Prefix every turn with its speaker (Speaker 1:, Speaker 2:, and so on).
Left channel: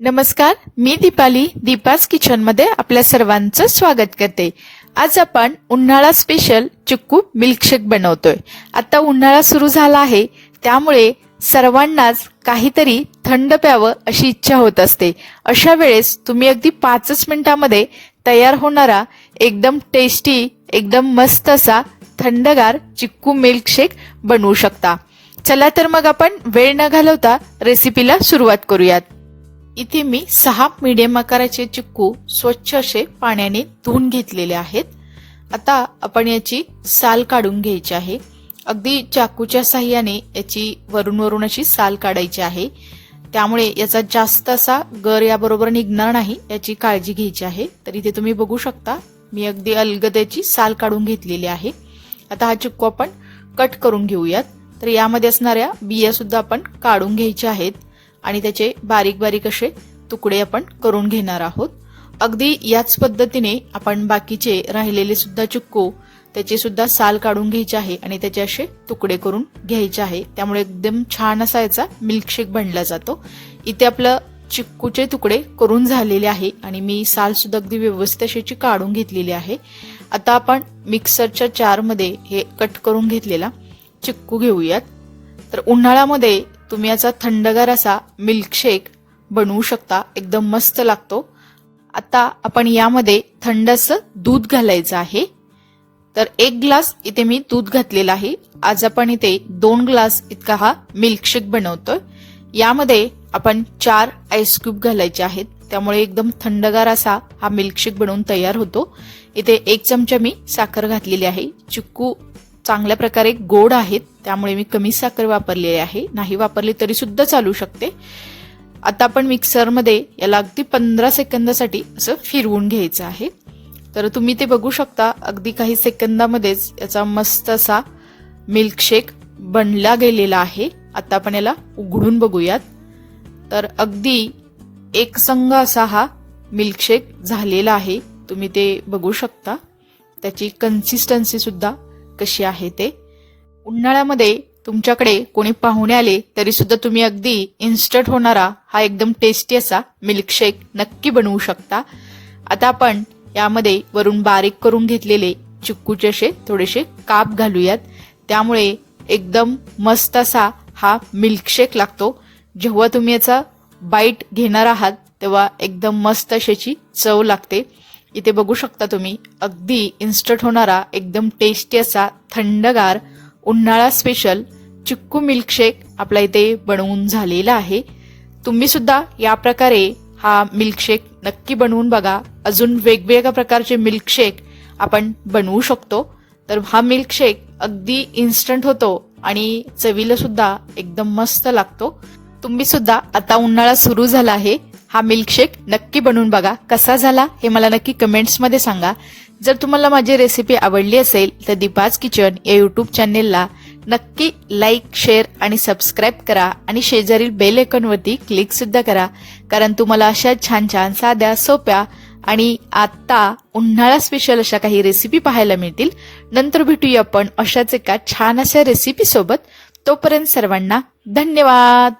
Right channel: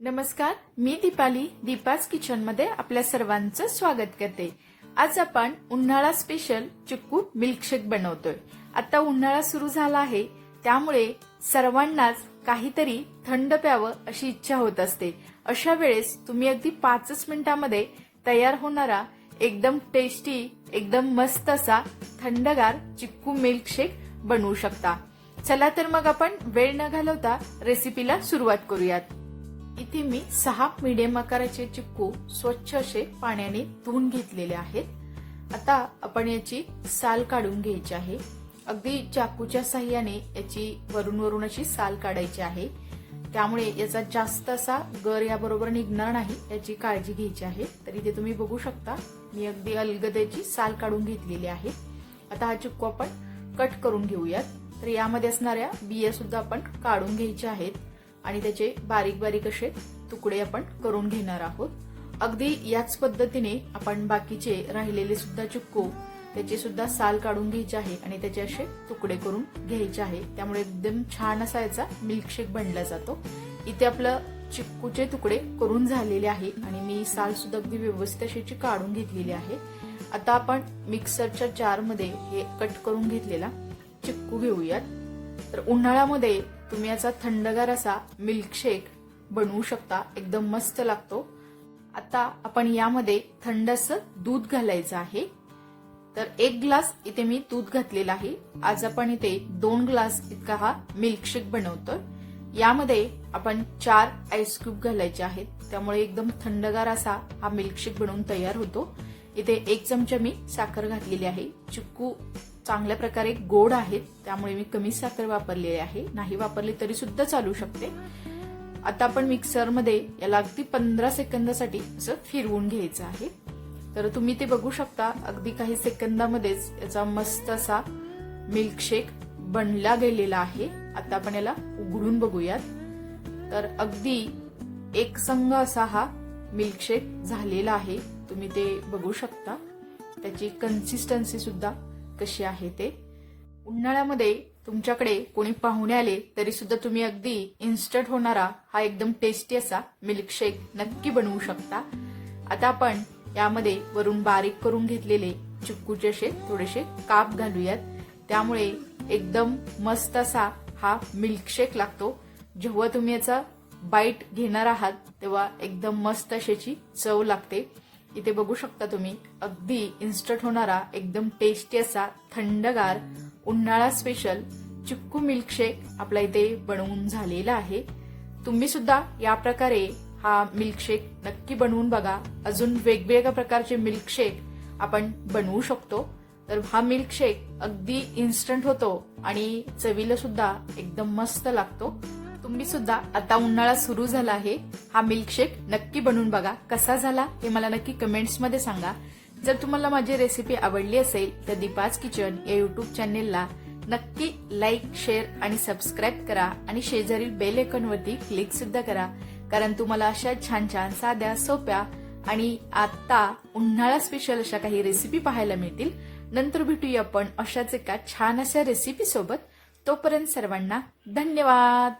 Speaker 1: नमस्कार मी दीपाली दीपास किचनमध्ये आपल्या सर्वांचं स्वागत करते. आज आपण उन्हाळा स्पेशल चिक्कू मिल्कशेक बनवतोय. आता उन्हाळा सुरू झाला आहे त्यामुळे सर्वांनाच काहीतरी थंड प्यावं अशी इच्छा होत असते. अशा वेळेस तुम्ही अगदी पाचच मिनिटामध्ये तयार होणारा एकदम टेस्टी एकदम मस्त असा थंडगार चिक्कू मिल्कशेक बनवू शकता. चला तर मग आपण वेळ न घालवता रेसिपीला सुरुवात करूयात. इथे मी सहा मीडियम आकाराचे चिक्कू स्वच्छ असे पाण्याने धुवून घेतलेले आहेत. आता आपण याची साल काढून घ्यायची आहे. अगदी चाकूच्या साह्याने याची वरून वरून अशी साल काढायची आहे. त्यामुळे याचा जास्त असा गर याबरोबर निघणार नाही याची काळजी घ्यायची आहे. तर इथे तुम्ही बघू शकता मी अगदी अलगद्याची साल काढून घेतलेली आहे. आता हा चिक्कू आपण कट करून घेऊयात. तर यामध्ये असणाऱ्या बिया सुद्धा आपण काढून घ्यायच्या आहेत. आणि त्याचे बारीक बारीक असे तुकडे आपण करून घेणार आहोत. अगदी याच पद्धतीने आपण बाकीचे राहिलेले सुद्धा चिक्कू त्याची सुद्धा साल काढून घ्यायची आहे आणि त्याचे असे तुकडे करून घ्यायचे आहे. त्यामुळे एकदम छान असा याचा मिल्कशेक बनला जातो. इथे आपलं चिक्कूचे तुकडे करून झालेले आहे आणि मी साल सुद्धा अगदी व्यवस्थित अशी काढून घेतलेली आहे. आता आपण मिक्सरच्या चारमध्ये हे कट करून घेतलेला चिक्कू घेऊयात. तर उन्हाळ्यामध्ये तुम्ही याचा थंडगार असा मिल्कशेक बनवू शकता. एकदम मस्त लागतो. आता आपण यामध्ये थंड असं दूध घालायचं आहे. तर एक ग्लास इथे मी दूध घातलेला आहे. आज आपण इथे दोन ग्लास इतका हा मिल्कशेक बनवतोय. यामध्ये आपण चार आईस क्यूब घालायचे आहेत. त्यामुळे एकदम थंडगार असा हा मिल्कशेक बनवून तयार होतो. इथे एक चमचा मी साखर घातलेली आहे. चिक्कू चांगल्या प्रकारे गोड आहेत त्यामुळे मी कमी साखर वापरलेली आहे. नाही वापरली तरी सुद्धा चालू शकते. आता आपण मिक्सरमध्ये याला अगदी पंधरा सेकंदासाठी असं फिरवून घ्यायचं आहे. तर तुम्ही ते बघू शकता अगदी काही सेकंदामध्येच याचा मस्त असा मिल्कशेक बनला गेलेला आहे. आता आपण याला उघडून बघूयात. तर अगदी एक संघ असा हा मिल्कशेक झालेला आहे. तुम्ही ते बघू शकता. त्याची कन्सिस्टन्सी सुद्धा कशी आहे ते? उन्हाळ्यामध्ये तुमच्याकडे कोणी पाहुणे आले तरी सुद्धा तुम्ही अगदी इन्स्टंट होणारा हा एकदम टेस्टी असा मिल्कशेक नक्की बनवू शकता. आता आपण यामध्ये वरून बारीक करून घेतलेले चिक्कूचे असे थोडेसे काप घालूयात. त्यामुळे एकदम मस्त असा हा मिल्कशेक लागतो. जेव्हा तुम्ही याचा बाईट घेणार आहात तेव्हा एकदम मस्त अशाची चव लागते. इथे बघू शकता तुम्ही. अगदी इन्स्टंट होणारा एकदम टेस्टी असा थंडगार उन्हाळा स्पेशल चिक्कू मिल्कशेक आपल्या इथे बनवून झालेला आहे. तुम्ही सुद्धा या प्रकारे हा मिल्कशेक नक्की बनवून बघा. अजून वेगवेगळ्या प्रकारचे मिल्कशेक आपण बनवू शकतो. तर हा मिल्कशेक अगदी इन्स्टंट होतो आणि चवीला सुद्धा एकदम मस्त लागतो. तुम्ही सुद्धा आता उन्हाळा सुरू झाला आहे. हा मिल्कशेक नक्की बनवून बघा. कसा झाला हे मला नक्की कमेंट्समध्ये सांगा. जर तुम्हाला माझी रेसिपी आवडली असेल तर दीपाज किचन या यूट्यूब चॅनेलला नक्की लाईक शेअर आणि सबस्क्राईब करा आणि शेजारील बेल आयकॉनवरती क्लिक सुद्धा करा. कारण तुम्हाला अशा छान छान साध्या सोप्या आणि आता उन्हाळा स्पेशल अशा काही रेसिपी पाहायला मिळतील. नंतर भेटूया आपण अशाच एका छान अशा रेसिपी सोबत. तोपर्यंत सर्वांना धन्यवाद!